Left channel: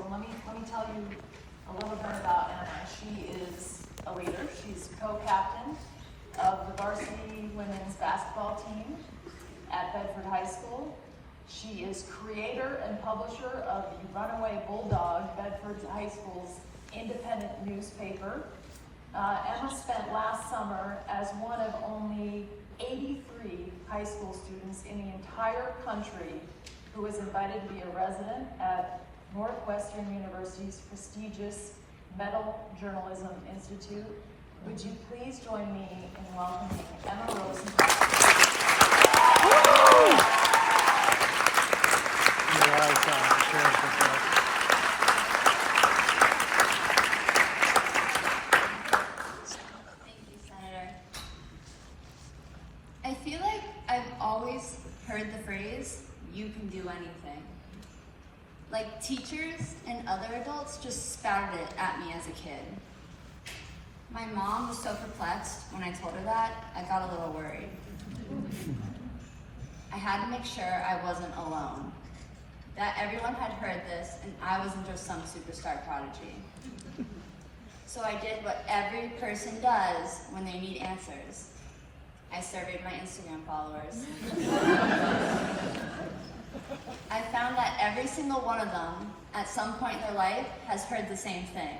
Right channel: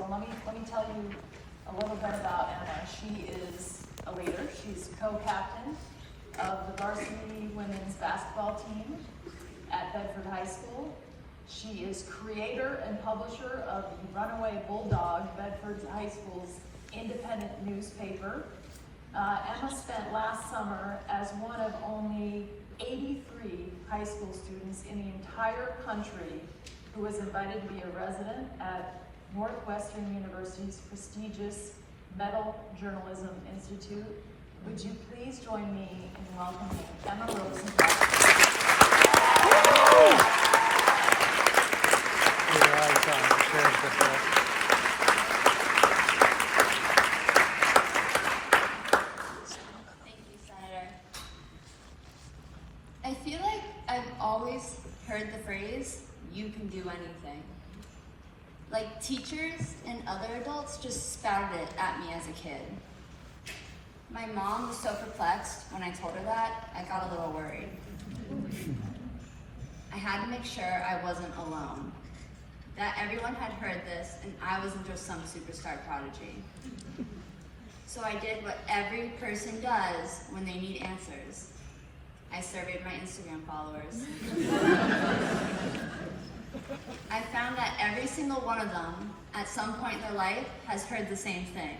School. Let me tell you a little bit about Emma. She is a leader. She's co-captain of the varsity women's basketball team at Bedford High School. She is creator and publisher of the Runaway Bulldog, Bedford High School's independent newspaper. Emma spent last summer as one of only 83 high school students in the entire country who was invited to be a resident at Northwestern University's prestigious Metal Journalism Institute. Would you please join me in welcoming Emma Rosenbaum? Thank you, Senator. I feel like I've always heard the phrase, "you can do anything." Like teachers and other adults just spouted it at me as a kid. My mom was so perplexed when I told her that, I got a little worried. I had to make sure I wasn't alone, that everyone had heard this and I wasn't just some superstar prodigy. So I did what every person does when they need answers. I surveyed my Instagram followers. I found that every single one of them, at some point in their life, has heard the same thing.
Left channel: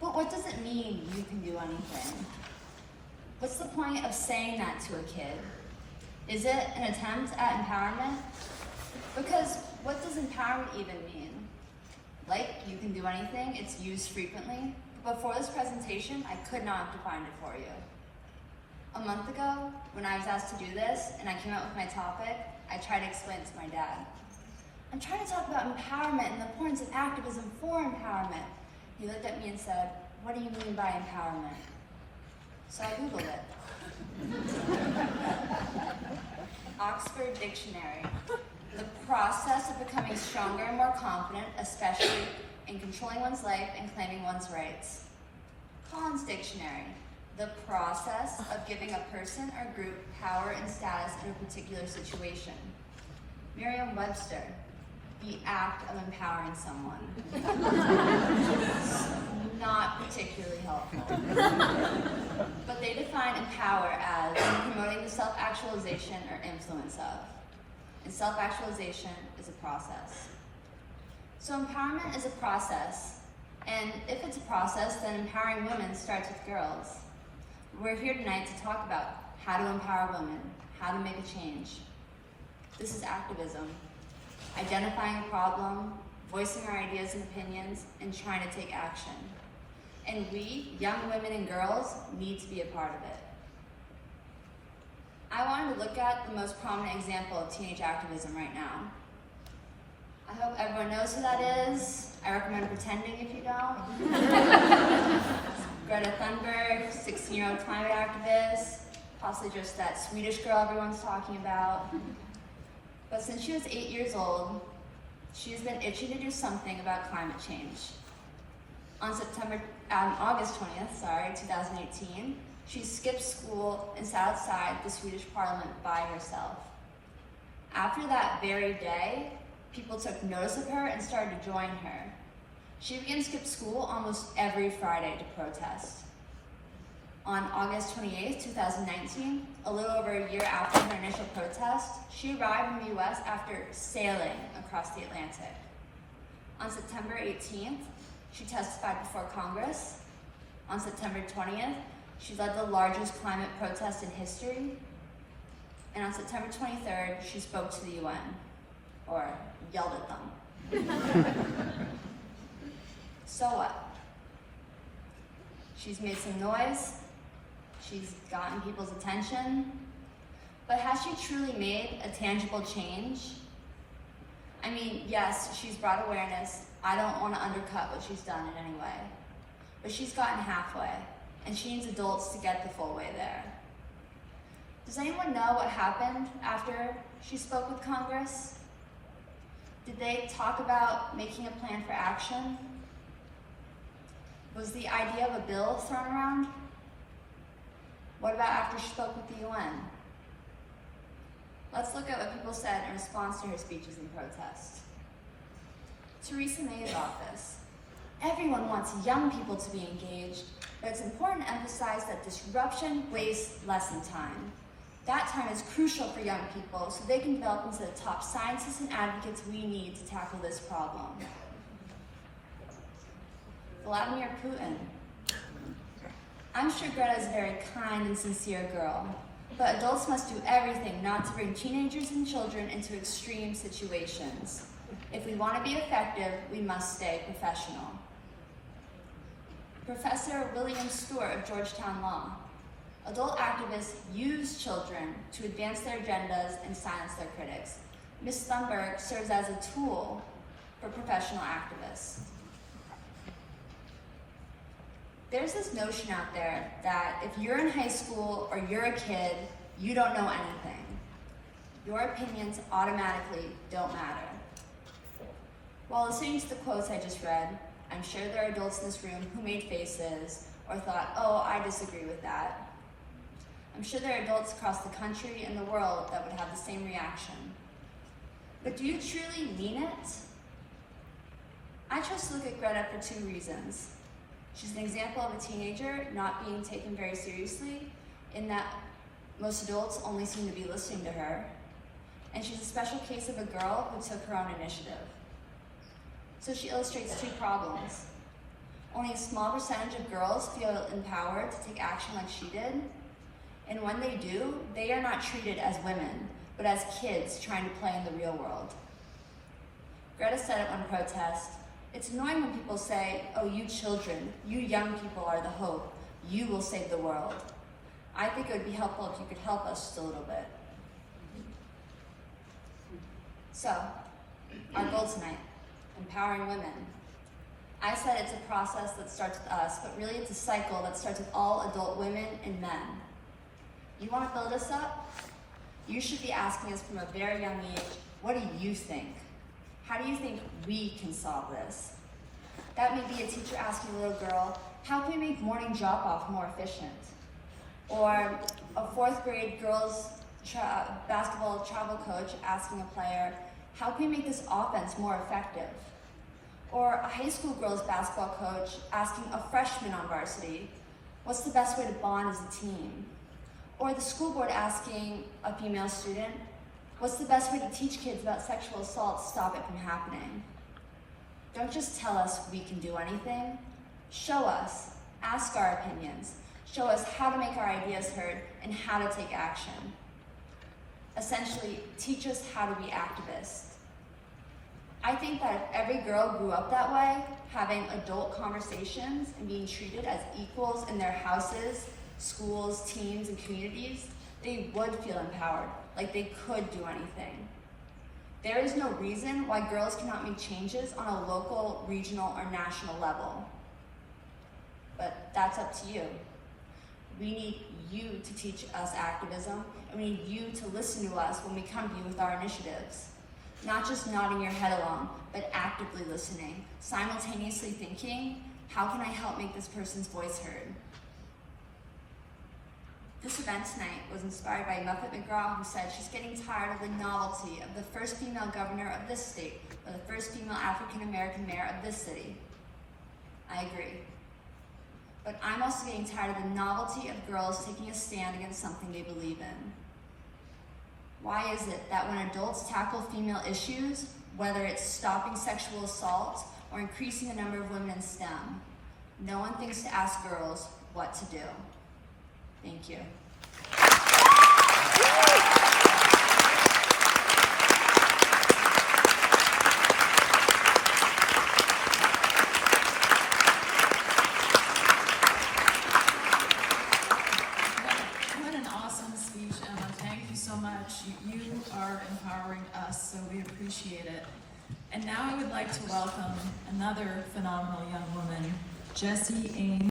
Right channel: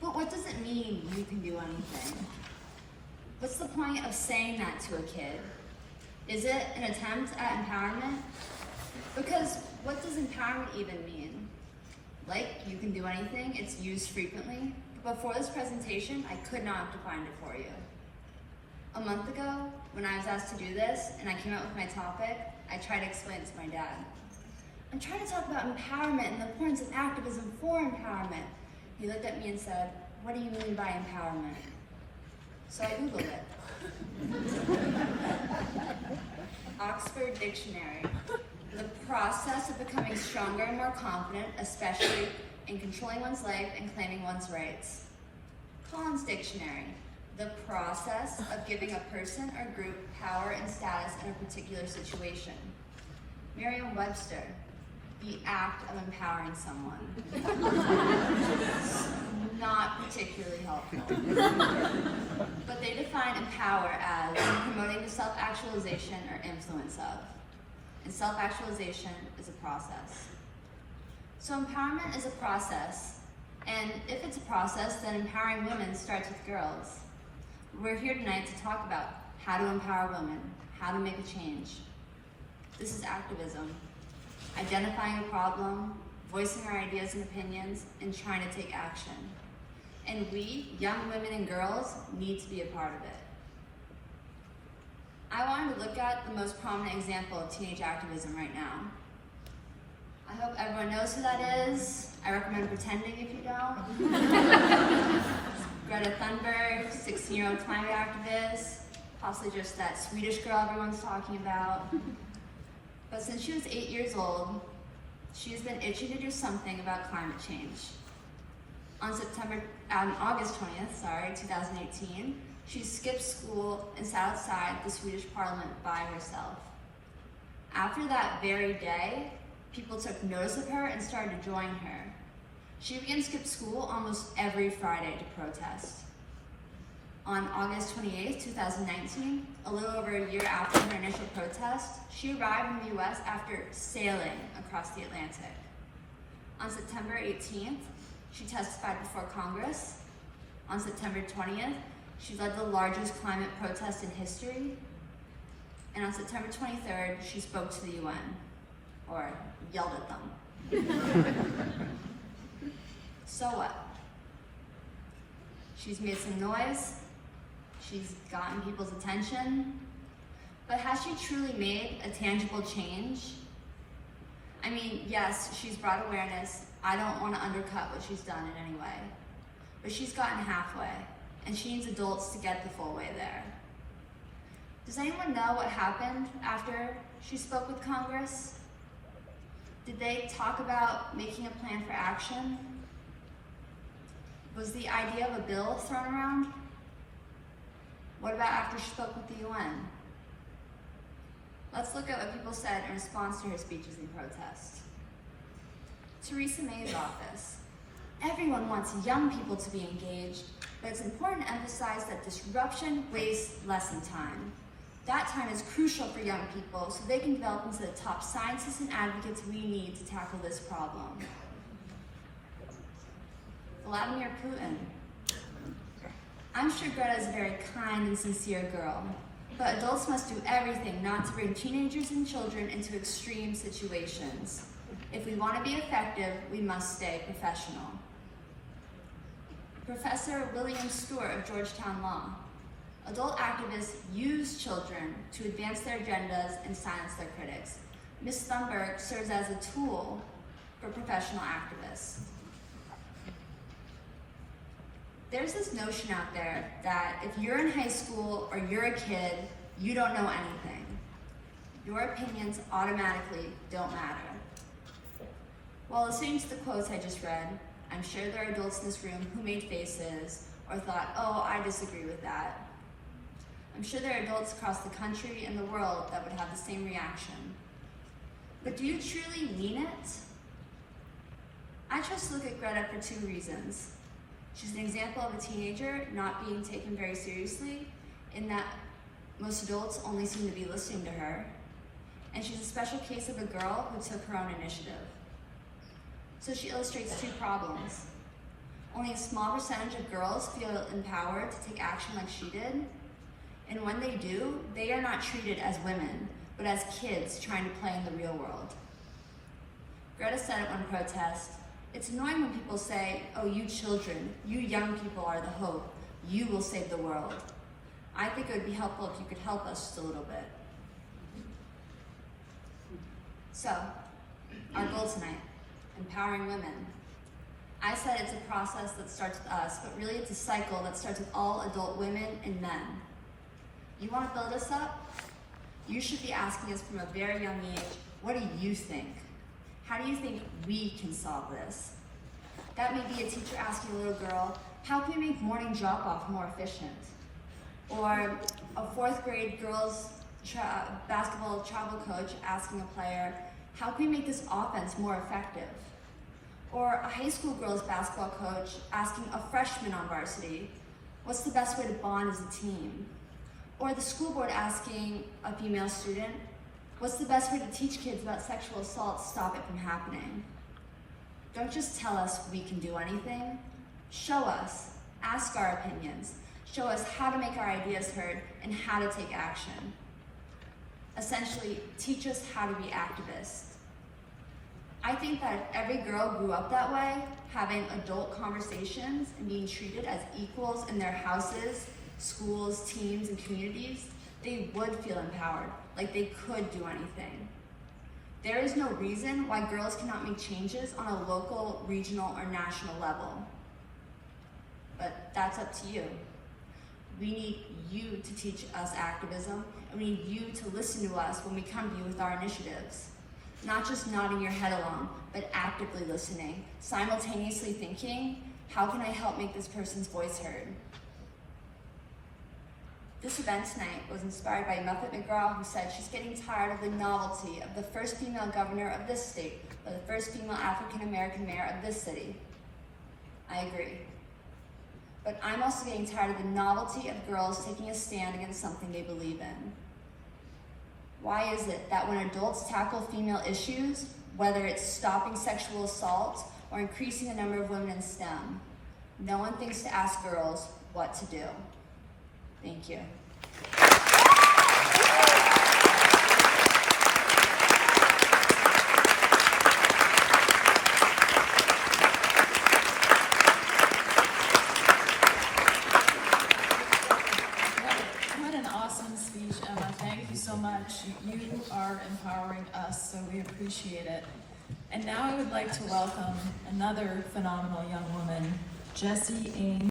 But what does it mean, you can do anything? What's the point of saying that to a kid? Is it an attempt at empowerment? Because what does empowerment even mean? Like, you can do anything, it's used frequently, but before this presentation, I could not have defined it for you. A month ago, when I was asked to do this, and I came up with my topic, I tried to explain it to my dad. I'm trying to talk about empowerment and the importance of activism for empowerment. He looked at me and said, "What do you mean by empowerment?" So I Googled it. Oxford Dictionary. The process of becoming stronger and more confident, especially in controlling one's life and claiming one's rights. Collins Dictionary. The process of giving a person or group power and status in a particular situation. Merriam-Webster. The act of empowering someone. Not particularly helpful. But they define empower as promoting the self-actualization or influence of. And self-actualization is a process. So empowerment is a process. And if it's a process, then empowering women starts with girls. We're here tonight to talk about how to empower women, how to make a change. This is activism. Identifying a problem, voicing our ideas and opinions, and trying to take action. And we, young women and girls, need to be a part of it. I wanted to look at the most prominent example of teenage activism right now. I hope everyone knows who that is. I recommend pretending if you don't. Greta Thunberg, 16-year-old climate activist, possibly just that Swedish girl everyone's talking about. But since she was 8 years old, she's been itching to do something about climate change. On August 20th, 2018, she skipped school and sat outside the Swedish parliament by herself. After that very day, people took notice of her and started to join her. She began to skip school almost every Friday to protest. On August 28th, 2019, a little over a year after her initial protest, she arrived in the US after sailing across the Atlantic. On September 18th, she testified before Congress. On September 20th, she led the largest climate protest in history. And on September 23rd, she spoke to the UN, or yelled at them. So what? She's made some noise, she's gotten people's attention, but has she truly made a tangible change? I mean, yes, she's brought awareness. I don't want to undercut what she's done in any way, but she's gotten halfway, and she needs adults to get the full way there. Does anyone know what happened after she spoke with Congress? Did they talk about making a plan for action? Was the idea of a bill thrown around? What about after she spoke with the UN? Let's look at what people said in response to her speeches and protests. Theresa May about this. Everyone wants young people to be engaged, but it's important to emphasize that disruption wastes lesson time. That time is crucial for young people so they can develop into the top scientists and advocates we need to tackle this problem. Vladimir Putin. I'm sure Greta is a very kind and sincere girl, but adults must do everything not to bring teenagers and children into extreme situations. If we want to be effective, we must stay professional. Professor William Stewart of Georgetown Law. Adult activists use children to advance their agendas and silence their critics. Ms. Thunberg serves as a tool for professional activists. There's this notion out there that if you're in high school or you're a kid, you don't know anything. Your opinions automatically don't matter. While listening to the quotes I just read, I'm sure there are adults in this room who made faces or thought, oh, I disagree with that. I'm sure there are adults across the country and the world that would have the same reaction. But do you truly mean it? I chose to look at Greta for two reasons. She's an example of a teenager not being taken very seriously, in that most adults only seem to be listening to her. And she's a special case of a girl who took her own initiative. So she illustrates two problems. Only a small percentage of girls feel empowered to take action like she did. And when they do, they are not treated as women, but as kids trying to play in the real world. Greta said at one protest, "It's annoying when people say, oh, you children, you young people are the hope. You will save the world. I think it would be helpful if you could help us just a little bit." So, our goal tonight, empowering women. I said it's a process that starts with us, but really it's a cycle that starts with all adult women and men. You want to build us up? You should be asking us from a very young age, what do you think? How do you think we can solve this? That may be a teacher asking a little girl, how can we make morning drop-off more efficient? Or a fourth grade girls basketball travel coach asking a player, how can we make this offense more effective? Or a high school girls basketball coach asking a freshman on varsity, what's the best way to bond as a team? Or the school board asking a female student, what's the best way to teach kids about sexual assault to stop it from happening? Don't just tell us we can do anything. Show us, ask our opinions, show us how to make our ideas heard and how to take action. Essentially, teach us how to be activists. I think that if every girl grew up that way, having adult conversations and being treated as equals in their houses, schools, teams, and communities, they would feel empowered, like they could do anything. There is no reason why girls cannot make changes on a local, regional, or national level. But that's up to you. We need you to teach us activism, and we need you to listen to us when we come to you with our initiatives. Not just nodding your head along, but actively listening, simultaneously thinking, how can I help make this person's voice heard? This event tonight was inspired by Muffet McGraw, who said she's getting tired of the novelty of the first female governor of this state, or the first female African-American mayor of this city. I agree. But I'm also getting tired of the novelty of girls taking a stand against something they believe in. Why is it that when adults tackle female issues, whether it's stopping sexual assault or increasing the number of women in STEM, no one thinks to ask girls what to do? Thank you. What an awesome speech, Emma. Thank you so much. You are empowering us, so we appreciate it. And now I would like to welcome another phenomenal young woman, Jessie A.